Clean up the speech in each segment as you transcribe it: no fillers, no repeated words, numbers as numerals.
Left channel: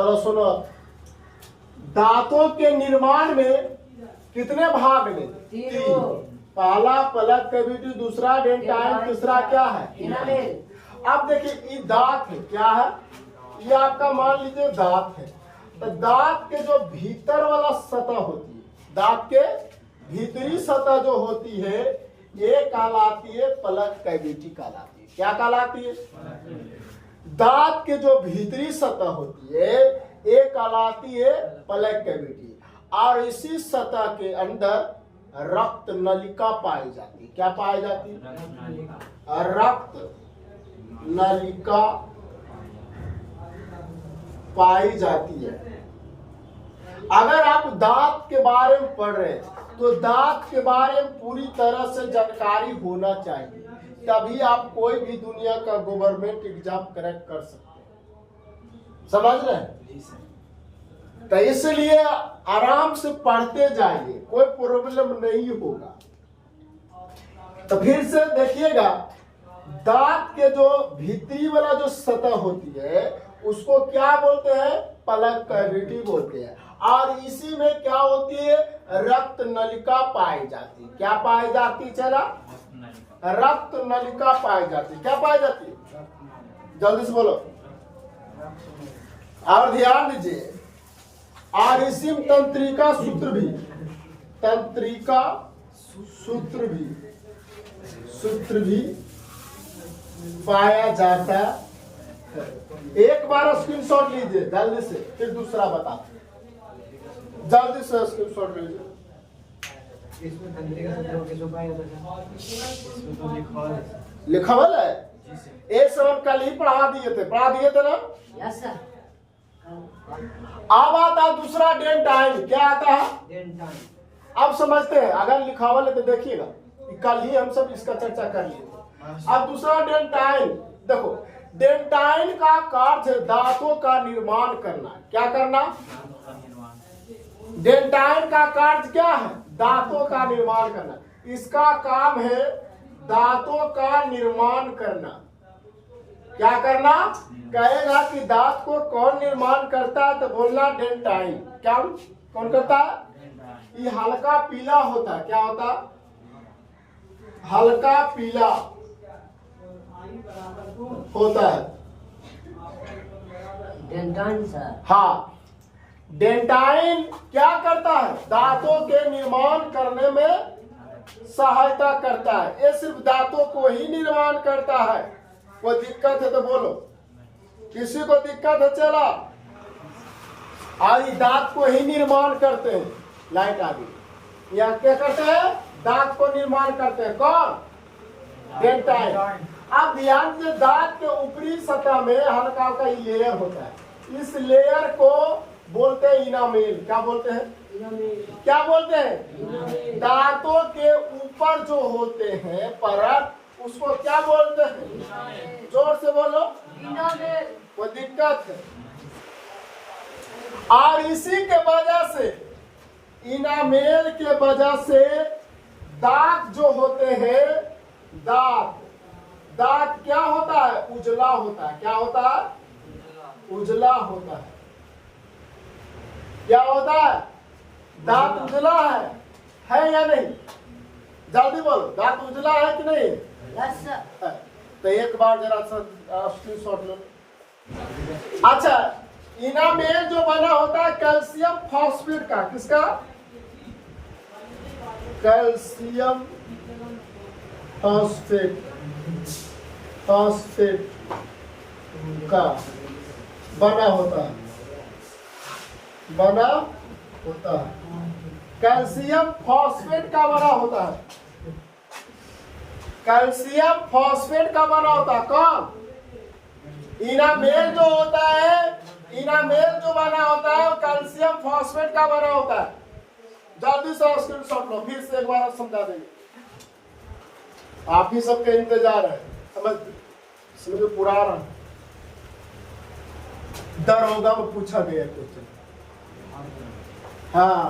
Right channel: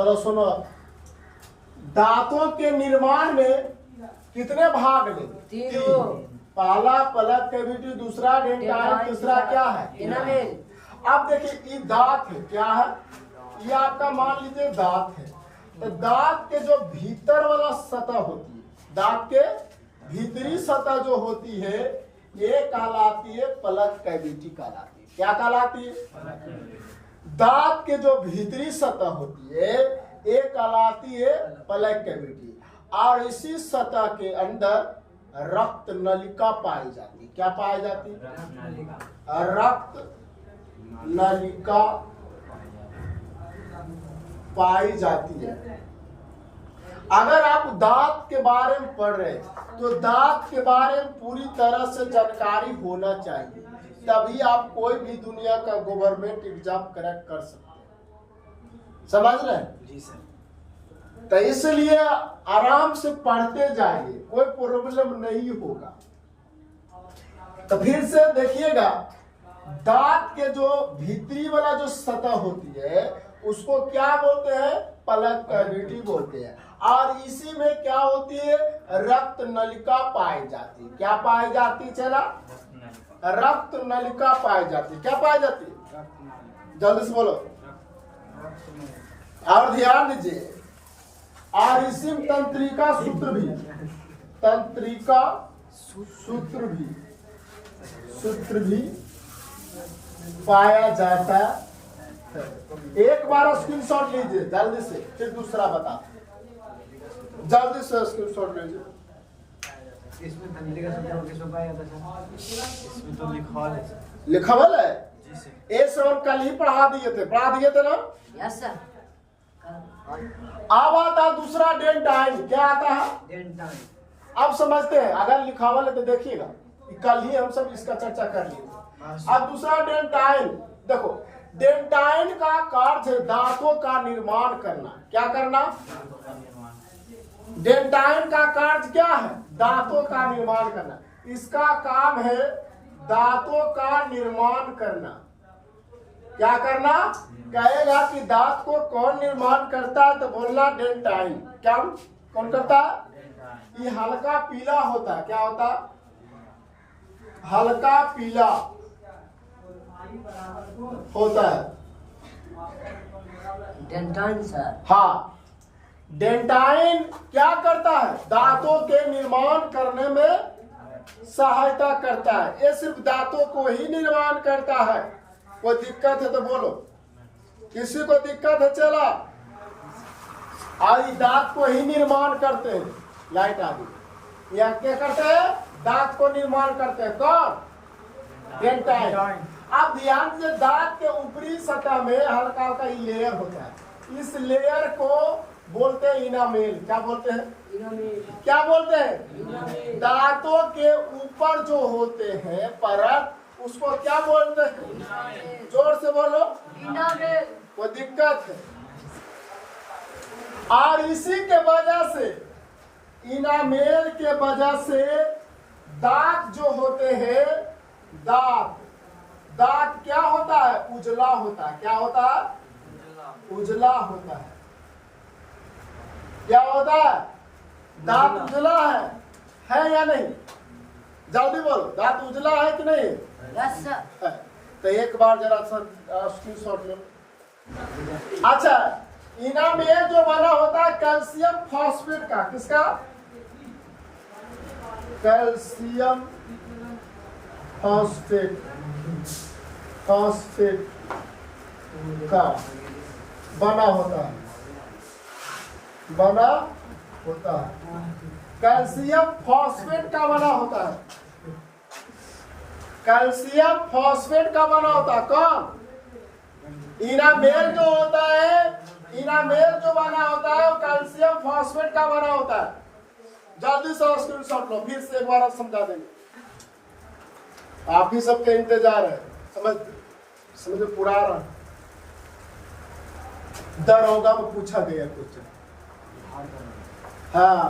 चलो सुनो, दांतों के निर्माण में कितने भाग में? तीन। पहला पलक कैविटी, दूसरा डेंटाइन, तीसरा क्या है? अब देखिए ये दांत है, क्या है? ये आपका मान लीजिए दांत है। तो दांत के जो भीतर वाला सतह होती है, दांत के भीतरी सतह जो होती है, ये कहलाती है पलक कैविटी कहलाती है। क्या कहलाती है? दांत के जो भीतरी सतह होती है, ये कहलाती है पलक कैविटी। और इसी सतह के अंदर रक्त नलिका पाई जाती है। क्या पाई जाती है? रक्त नलिका पाई जाती है। अगर आप दांत के बारे में पढ़ रहे हैं तो दांत के बारे में पूरी तरह से जानकारी होना चाहिए, तभी आप कोई भी दुनिया का गवर्नमेंट एग्जाम क्रैक कर सकते हैं। समझ रहे हैं? तो इसलिए आराम से पढ़ते जाइए, कोई प्रॉब्लम नहीं होगा। तो फिर से देखिएगा, दांत के जो भीतरी वाला जो सतह होती है उसको क्या बोलते हैं? पलक कैविटी बोलते हैं। और इसी में क्या होती है? रक्त नलिका पाई जाती है। क्या पाई जाती? चला, रक्त नलिका पाई जाती है। क्या पाई जाती है? जल्दी से बोलो और ध्यान दीजिए। और इसी में तंत्रिका सूत्र भी, तंत्रिका सूत्र भी पाया जाता है। एक बार स्क्रीनशॉट लीजिए जल्दी से, फिर दूसरा बताते हैं। जल्दी से स्क्रीनशॉट लीजिए। इसमें तंत्रिका सूत्र किसको पाया जाता है? इसमें तो लिखा हुआ है। ये सब कल ही पढ़ा दिए थे ना? Yes sir. अब आता दूसरा डेंटाइन। क्या आता है? डेंटाइन। अब समझते हैं, अगर लिखा हुआ है तो देखिएगा, कल ही हम सब इसका चर्चा कर लिए थे। अब दूसरा डेंटाइन, देखो डेंटाइन का कार्य दांतों का निर्माण करना। क्या करना? डेंटाइन का कार्य क्या है? दांतों का निर्माण करना। इसका काम है दांतों का निर्माण करना। क्या करना? कहेगा कि दांत को कौन निर्माण करता है तो बोलना डेंटाइन। क्या कौन करता है? ये हल्का पीला होता है। क्या होता है? हल्का पीला होता है डेंटाइन सर। हाँ, डेंटाइन क्या करता है? दांतों के निर्माण करने में सहायता करता है। ये सिर्फ दांतों को ही निर्माण करता है। कोई दिक्कत है तो बोलो, किसी को दिक्कत है? चला, आज दांत को ही निर्माण करते हैं। लाइट आ गई। या क्या करते हैं? दांत को निर्माण करते हैं। कौन? डेंटाइन। अब ध्यान से, दांत के ऊपरी सतह में हल्का हल्का लेयर होता है। इस लेयर को बोलते हैं इनामेल। क्या बोलते हैं? क्या बोलते हैं? दांतों के ऊपर जो होते हैं परत, उसको क्या बोलते हैं? जोर से बोलो। कोई दिक्कत है? और इसी के वजह से, इनामेल के वजह से दांत जो होते हैं, दांत क्या होता है? उजला होता है। क्या होता है? उजला होता है। क्या होता है? दांत उजला है या नहीं? जल्दी बोलो, दांत उजला है कि नहीं? Yes sir. तो एक बार जरा स्क्रीनशॉट लो। अच्छा, इनामेल जो बना होता है कैल्शियम फॉस्फेट का। किसका? कैल्शियम फॉस्फेट का बना होता है। कैल्शियम फॉस्फेट का बना होता है। कैल्शियम फॉस्फेट का बना होता है। कौन? इनामेल जो होता है, इनामेल जो बना होता है वो कैल्शियम फॉस्फेट का बना होता है। जल्दी से स्क्रीनशॉट लो, फिर से एक बार आप समझा देंगे। आप ही सबके इंतजार है। समझो पूरा दरोगा में पूछा गया क्वेश्चन। हाँ,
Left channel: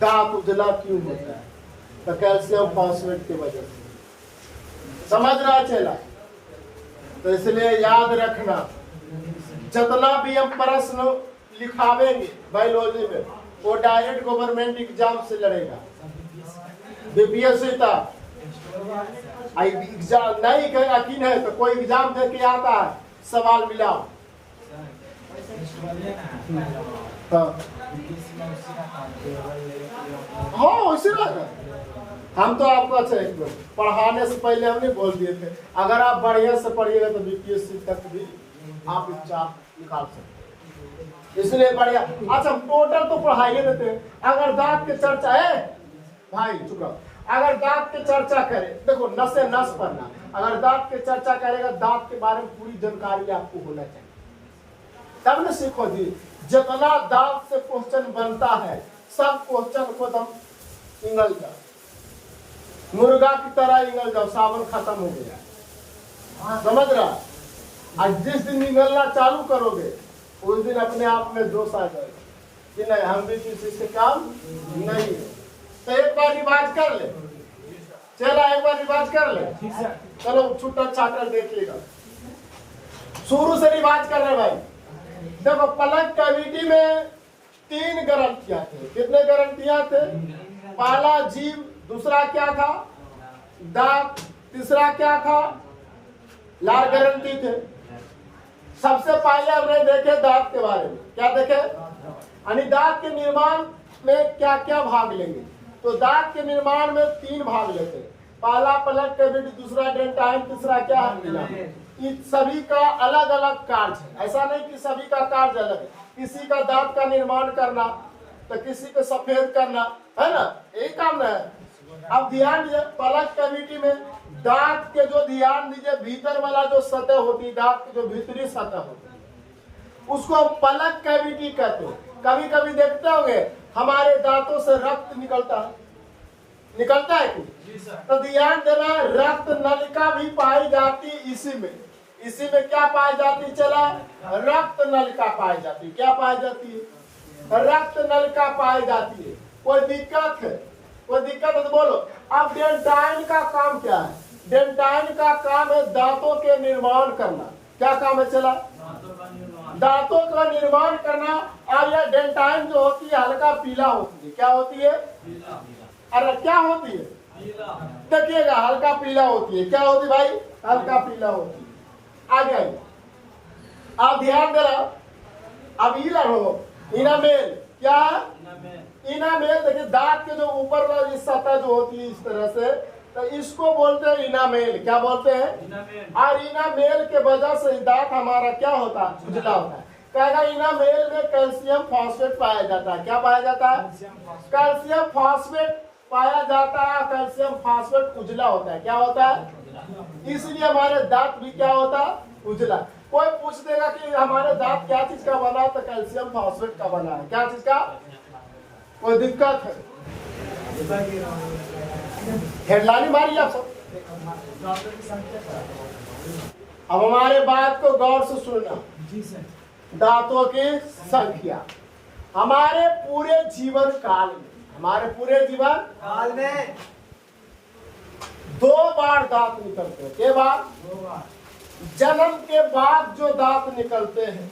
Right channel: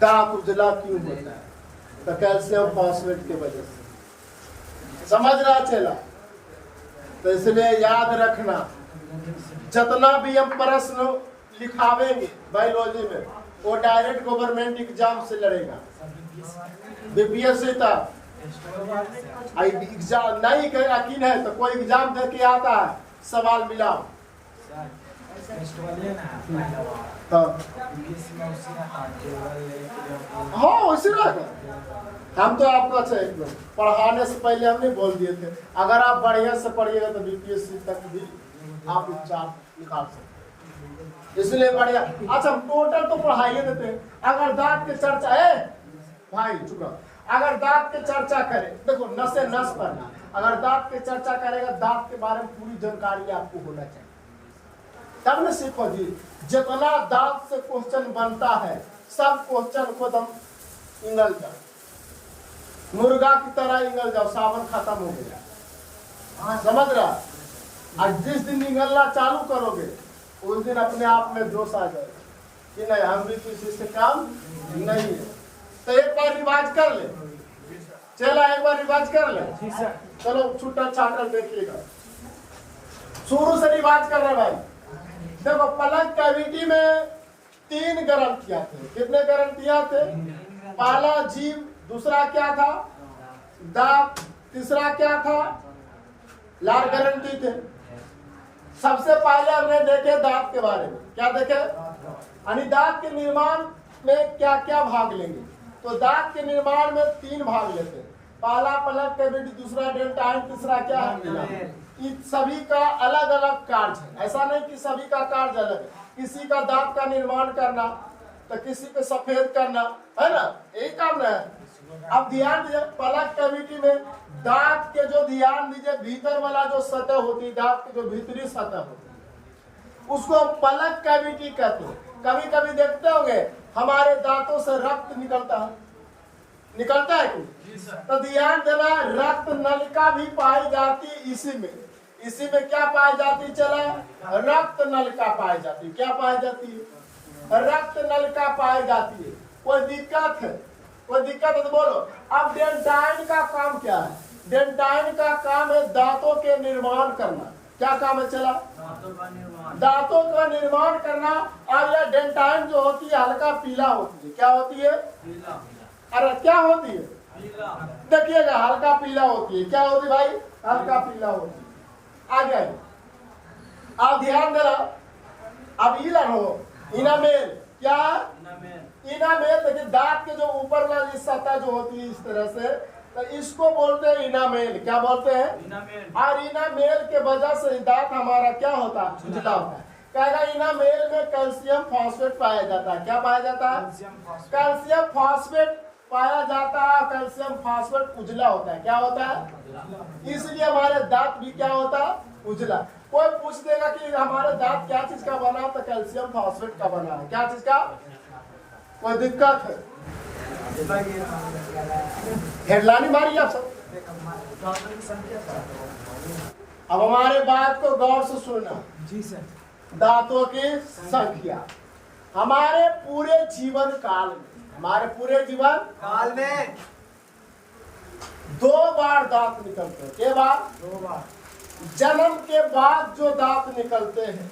दांत उजला क्यों होता है? तो कैल्शियम फॉस्फेट की वजह से। समझ रहा चला? तो इसलिए याद रखना, जितना भी हम प्रश्न लिखावेंगे बायोलॉजी में, वो डायरेक्ट गवर्नमेंट एग्जाम से लड़ेगा। बीपीएससी तक एग्जाम नहीं यकीन है तो कोई एग्जाम दे के आता है, सवाल मिलाओ। हाँ उसी रहेगा। हम तो आपको अच्छा पढ़ाने से पहले हमने बोल दिए थे, अगर आप बढ़िया से पढ़िएगा तो बीपीएससी तक भी आप एग्जाम निकाल सकते, इसलिए बढ़िया। अच्छा हम टोटल तो पढ़ाइए देते हैं। अगर दांत के चर्चा है भाई चुप रहो, अगर दांत के चर्चा करें, देखो नस से नस पढ़ना, अगर दांत के चर्चा करेगा दांत के बारे में पूरी जानकारी आपको होना चाहिए, तब न सीखो जी। जितना दांत से क्वेश्चन बनता है सब क्वेश्चन को तुम इंगल जाओ, मुर्गा की तरह इंगल जाओ, सावन खत्म हो गया, समझ रहा। और जिस दिन निगलना चालू करोगे उस दिन अपने आप में जोश आ जाएगा कि नहीं हम भी किसी से काम नहीं है। तो एक बार रिवाज कर ले, चला एक बार रिवाज कर ले, चलो छूटा छाटा देखिएगा, शुरू से रिवाज कर रहे भाई। देखो पलक कैविटी में 3 गारंटियां थे। कितने गारंटियां थे? पहला जीव, दूसरा क्या था दांत, तीसरा क्या था लार गारंटी थे। सबसे पहले हमने देखे दांत के बारे में, क्या देखे यानी दांत के निर्माण में क्या क्या भाग लेंगे। तो दांत के निर्माण में 3 भाग लेते हैं, पहला पलक कैविटी, दूसरा डेंटाइन, तीसरा क्या है। इन सभी का अलग अलग कार्य है, ऐसा नहीं कि सभी का कार्य अलग है। किसी का दांत का निर्माण करना तो किसी को सफेद करना है ना, यही काम ना है। अब ध्यान दीजिए पलक कैविटी में दांत के जो ध्यान दीजिए भीतर वाला जो सतह होती है, दांत की जो भीतरी सतह होती है उसको हम पलक कैविटी कहते हैं। कभी कभी देखते होंगे हमारे दांतों से रक्त निकलता है, निकलता है कुछ, तो ध्यान देना रक्त नलिका भी पाई जाती इसी में। इसी में क्या पाई जाती, चला रक्त नलिका पाई जाती। क्या पाई जाती है? रक्त नलिका पाई जाती है। कोई दिक्कत है? कोई दिक्कत है तो बोलो। अब डेंटाइन का काम क्या है? डेंटाइन का काम है दांतों के निर्माण करना। क्या काम है चला? दांतों का निर्माण करना। और यह डेंटाइन जो होती है हल्का पीला होती है। क्या होती है? अरे क्या होती है? देखिएगा हल्का पीला होती है। क्या होती है भाई? हल्का पीला होती है। आगे आइए, आप ध्यान दे रहा। अब ये हो इनामेल, क्या इनामेल? देखिए दांत के जो ऊपर वाली सतह जो होती है इस तरह से, तो इसको बोलते हैं इनामेल। क्या बोलते हैं? और इनामेल के वजह से दांत हमारा क्या होता है? उजला होता है। कहेगा इनामेल में कैल्शियम फॉस्फेट पाया जाता है। क्या पाया जाता है? कैल्शियम फॉस्फेट पाया जाता है। कैल्शियम फॉस्फेट उजला होता है। क्या होता है? इसलिए हमारे दांत भी क्या होता है? उजला। कोई पूछ देगा कि हमारे दांत क्या चीज का बना है, तो कैल्शियम फॉस्फेट का बना है। क्या चीज का? कोई दिक्कत है? हेडलाइन मारिए आप सब। अब हमारे बात को गौर से सुनना। जी सर। दांतों की संख्या हमारे पूरे जीवन काल में, हमारे पूरे जीवन काल में 2 बार दांत निकलते हैं। के बाद? 2 बार। जन्म के बाद जो दांत निकलते हैं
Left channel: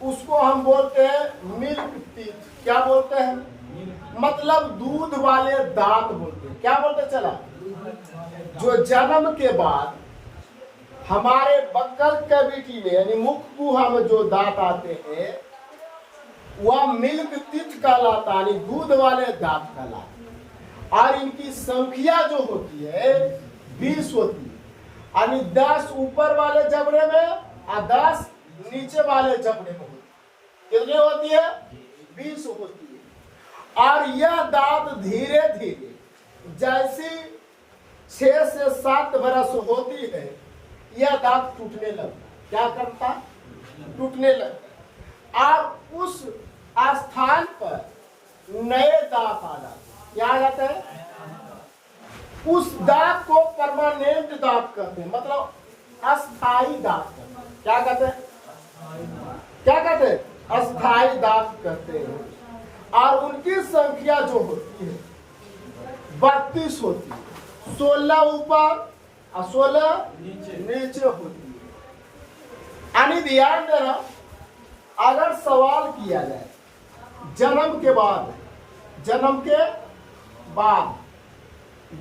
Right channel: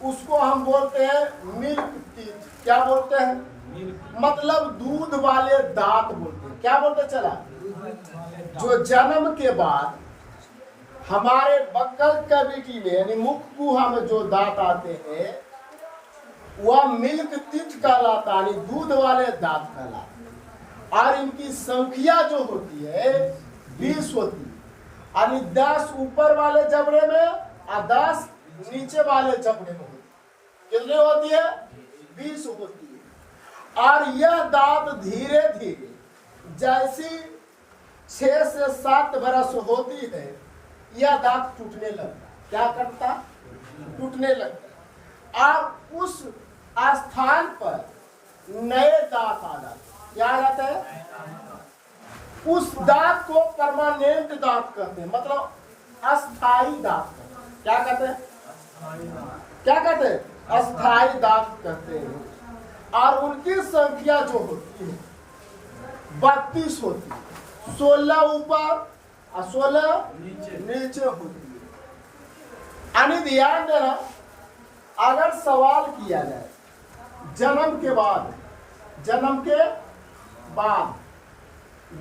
उसको हम बोलते हैं मिल्क टीथ। क्या बोलते हैं? मतलब दूध वाले दांत बोलते हैं। क्या बोलते चला? जो जन्म के बाद हमारे बक्कल कैविटी में यानी मुख गुहा में जो दांत आते हैं वह मिल्क टीथ कहलाता है, दूध वाले दांत कहलाता है। और इनकी संख्या जो होती है 20 होती है। यानी 10 ऊपर वाले जबड़े में और 10 नीचे वाले जबड़े में होती है। कितनी होती है? 20 होती है। और यह दांत धीरे धीरे जैसी 6 से 7 बरस होती है यह दांत टूटने लगता है। क्या करता? टूटने लगता है। और उस स्थान पर नए दांत आ जाते। क्या आ जाता है? उस दांत को परमानेंट दांत कहते हैं, मतलब अस्थाई दांत कहते हैं। क्या कहते हैं? क्या कहते हैं? अस्थाई दांत कहते हैं। और उनकी संख्या जो होती है 32 होती है। 16 ऊपर और 16 नीचे होती है। यानी ध्यान देना अगर सवाल किया जाए जन्म के बाद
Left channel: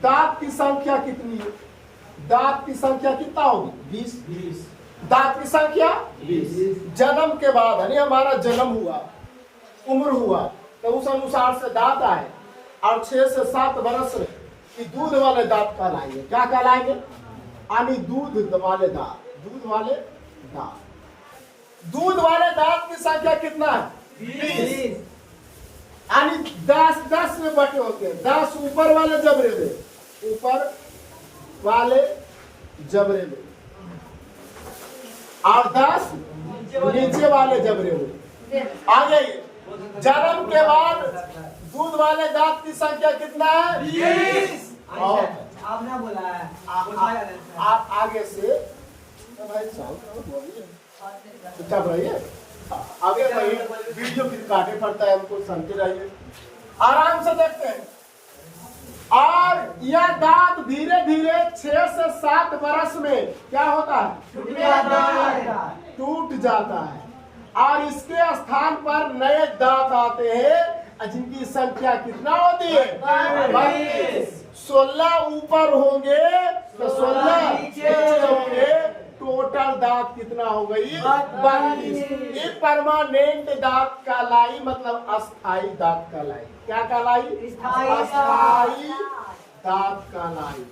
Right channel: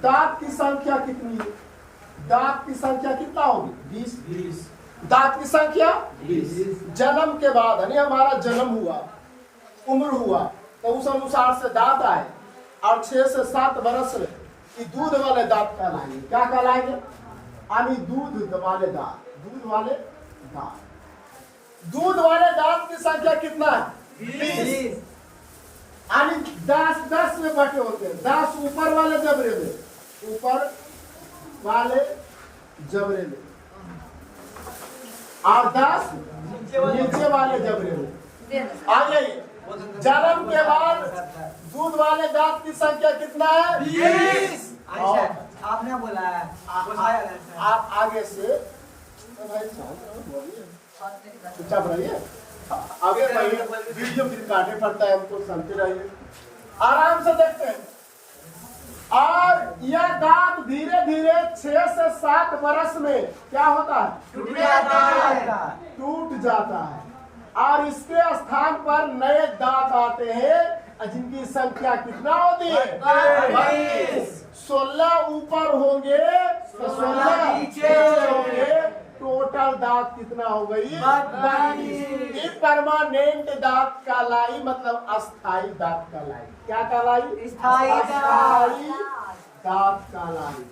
दांत की संख्या कितनी है? दांत की संख्या कितना होगी? 20। दांत की संख्या 20। जन्म के बाद यानी हमारा जन्म हुआ, उम्र हुआ, तो उस अनुसार से दांत आए और 6 से 7 वर्ष में कि दूध वाले दांत कहलाएंगे। क्या कहलाएंगे? यानी दूध वाले दांत की संख्या कितना है? 20। यानी 10 में बटे होते हैं। 10 ऊपर वाले जबरे में और 10 नीचे वाले जबरे में। आगे जन्म के बाद दूध वाले दांत की संख्या कितना है? 20। आपने बोला है आप आगे से भाई बोलिए, चुपचाप रहिए, आगे रहिए, वीडियो फिर काटे पड़ता है, हमको सुनते रहिए, आराम से देखते हैं। और यह दांत धीरे धीरे 6 से 7 वर्ष में क्या होता है? टूट जाता है और इसके स्थान पर नए दांत आते हैं जिनकी संख्या कितना होती है? 22। 16 ऊपर होंगे तो 16 नीचे होंगे। टोटल दांत कितना हो गई? 22। ये परमानेंट दांत कहलाई, मतलब अस्थाई दांत कहलाई। क्या कहलाई? अस्थाई दांत कहलाई।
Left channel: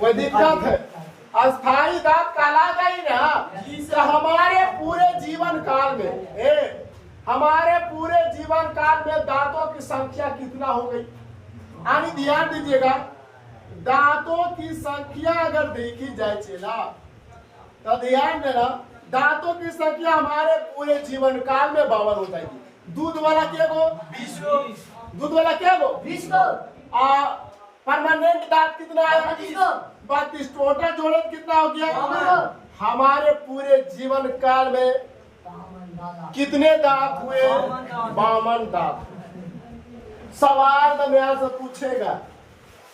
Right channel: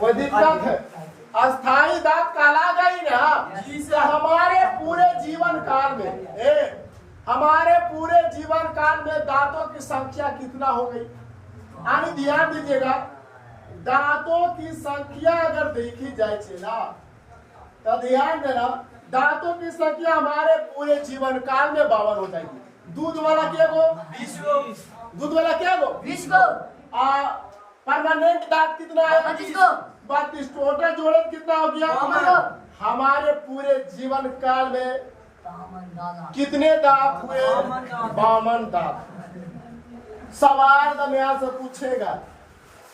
कोई दिक्कत है? अस्थाई दांत कहला गई ना, तो हमारे पूरे जीवन काल में दांतों की संख्या कितना हो गई? यानी ध्यान दीजिएगा, दांतों की संख्या अगर देखी जाए चेला, तो ध्यान देना, दांतों की संख्या हमारे पूरे जीवन काल में 52 हो जाएगी। दूध वाला क्या गो? 20 गो। परमानेंट दांत कितना है? 32। टोटल जोड़े कितना हो गया? हमारे पूरे जीवन काल में कितने दांत हुए? 52 दांत। सवाल दरमियान से पूछेगा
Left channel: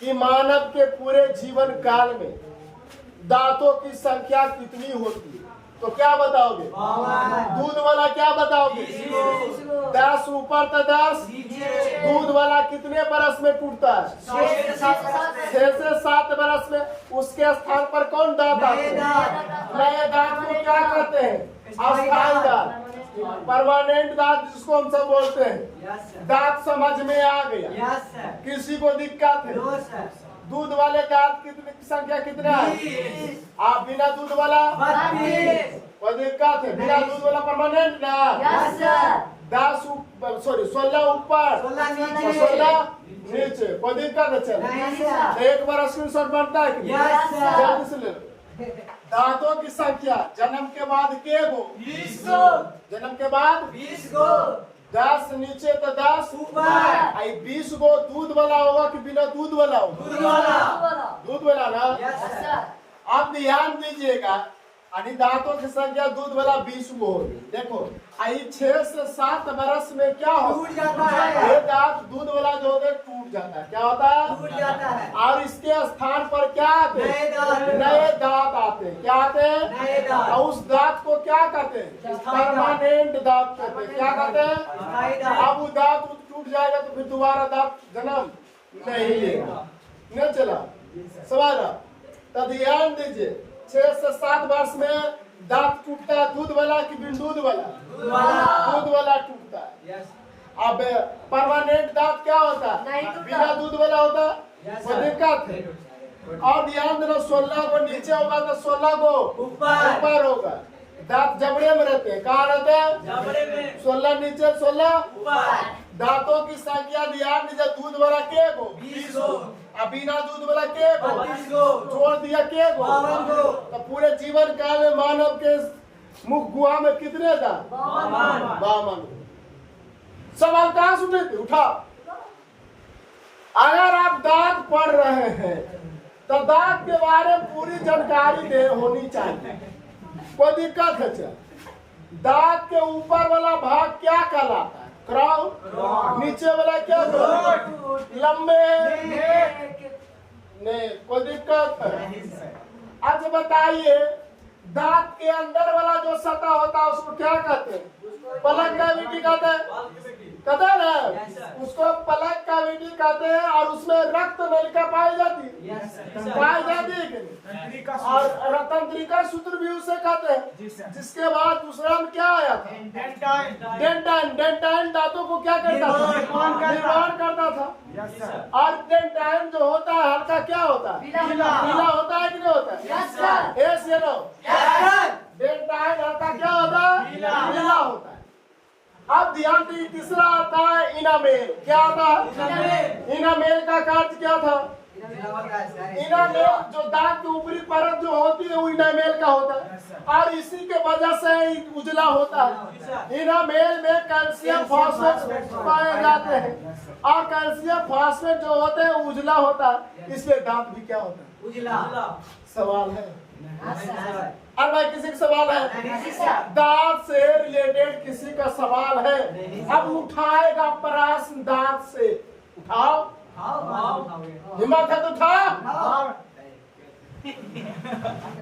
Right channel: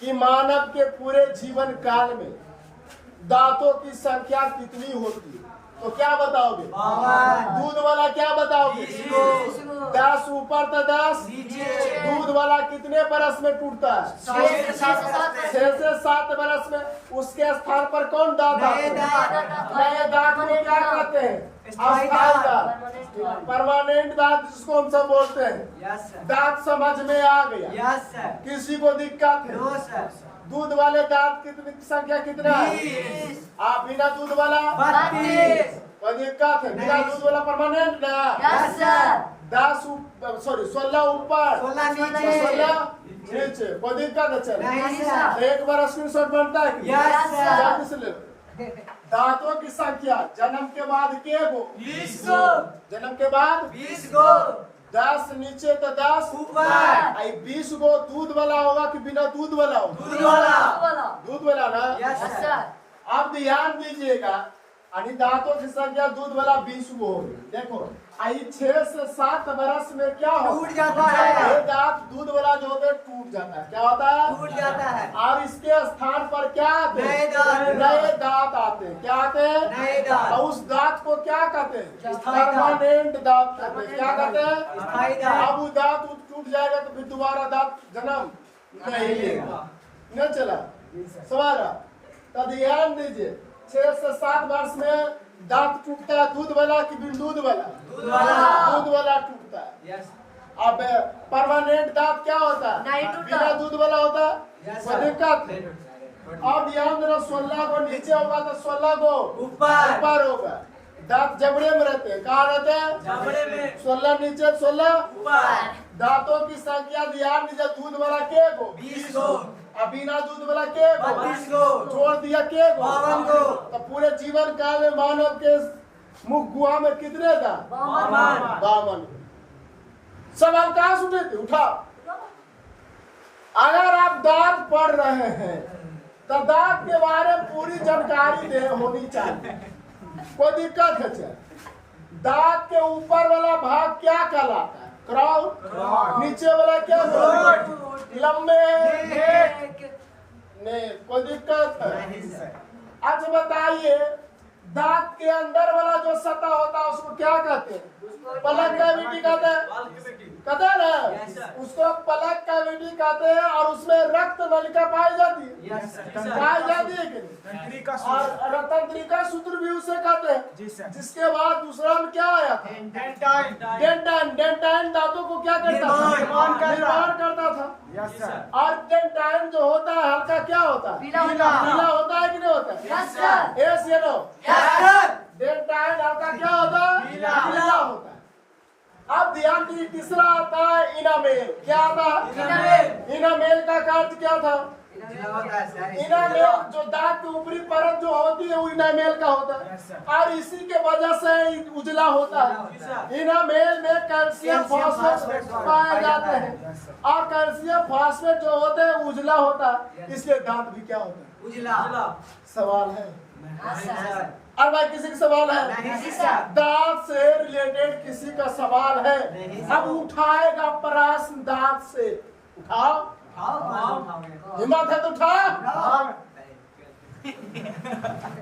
कि मानव के पूरे जीवन काल में दांतों की संख्या कितनी होती है, तो क्या बताओगे? दूध वाला क्या बताओगे? 10 ऊपर तो 10। दूध वाला कितने बरस में टूटता है? 6 से 7 बरस में। उसके स्थान पर कौन दांत आते हैं? नए दांत को क्या कहते हैं? अस्थाई दांत, परमानेंट दांत जिसको हम सब बोलते हैं। दांत समझ में आ गया? किसी को दिक्कत है? दूध वाले दांत कितनी संख्या कितना है? आप बिना दूध वाला 32। कोई दिक्कत है? बिना दूध वाला परमानेंट ना? 16 ऊपर 16 नीचे। कोई दिक्कत है? चलो एक बार स्क्रीनशॉट बनता है कि जल्दी से ले लो। दांतों की संख्या जन्म के बाद के गो? 20 गो। जन्म के बाद 20 गो। 10 नीचे तो 10 ऊपर। 20 गो दूध वाला होगा कि बिना दूध वाला होगा? दूध वाला ना। आप ध्यान दीजिएगा, दांतों की संख्या दूध वाला 20 गो होगी। देखो 6 से 7 बरस में क्या हो? टूट जाता है। ये दांत दूध वाला जो होते टूट जाता है। क्या होता है? टूट जाता है। और इसके स्थान पर क्या आते हैं? नए दांत आते हैं। क्या आते हैं? नए दांत। और उस दांत को क्या कहते हैं? परमानेंट दांत कहते हैं। क्या कहते हैं? अब वो दांत टूट जाएगा तो फिर दोबारा दांत जन्म नहीं लेगा। नहीं चला सवाल? तो ध्यान दीजिए, 6 से 7 वर्ष में दांत टूटता है। दूध वाला कि बिन दूध वाला? दूध वाला टूटता है। अब परमानेंट दांत क्या होता है? बिना दूध वाला होता है। कोई दिक्कत है? और ध्यान देना, 16 को नीचे होगा तो 16 को ऊपर होगा। दांत जबड़े में रहते हैं। कहाँ रहते हैं? 16 नीचे 16 ऊपर। दांतों की संख्या ध्यान दीजिए, दूध वाला के गो? 20 गो। बिना दूध वाला के गो? 32 गो। जोड़ दिया के गो? 52 गो। तो पूरे जीवन काल में मानव के मुख गुहा में कितने दांत? 52। सवाल कहाँ से उठे थे? उठा। अगर आप दांत पढ़ रहे हैं तो दांत के बारे में पूरी जानकारी होनी चाहिए। कोई दिक्कत है? चल, दांत के ऊपर वाला भाग क्या कहलाता है? क्राउन। नीचे वाला क्या कहलाता है? लंबे। नहीं, कोई दिक्कत है? अच्छा बताइए, दांत के अंदर वाला जो सतह होता है उसको क्या कहते हैं? पलक कैविटी कहते हैं। कहते हैं ना, उसको पलक कैविटी कहते हैं। और उसमें रक्त नलिका पाई जाती है, पाई जाती है कि नहीं? और तंत्रिका सूत्र भी उसे कहते हैं। जिसके बाद दूसरा में क्या आया था? डेंटाइन। डेंटाइन दांतों को क्या करता था? निर्माण करता था। और डेंटाइन जो होता है हल्का क्या होता है? पीला होता है कि नहीं होता है? यस या नो? डेंटाइन हल्का क्या होता है? पीला होता है। अब ध्यान दीजिए, तीसरा आता है इनामेल। क्या आता है? इनामेल का कार्य क्या था? इनामेल जो दांत की ऊपरी परत जो होती है वो इनामेल का होता है। और इसी के वजह से उजला होता है। इनामेल में कैल्शियम फास्फेट पाए जाते हैं। और कैल्शियम फास्फेट जो होते हैं उजला होता है, इसलिए दांत भी क्या होता है? उजला। सवाल है? और भाई किसी का सवाल है? दांत से रिलेटेड किसी का सवाल है? अब उठाएगा प्रश्न दांत से। उठाओ, हिम्मत है तो उठाओ।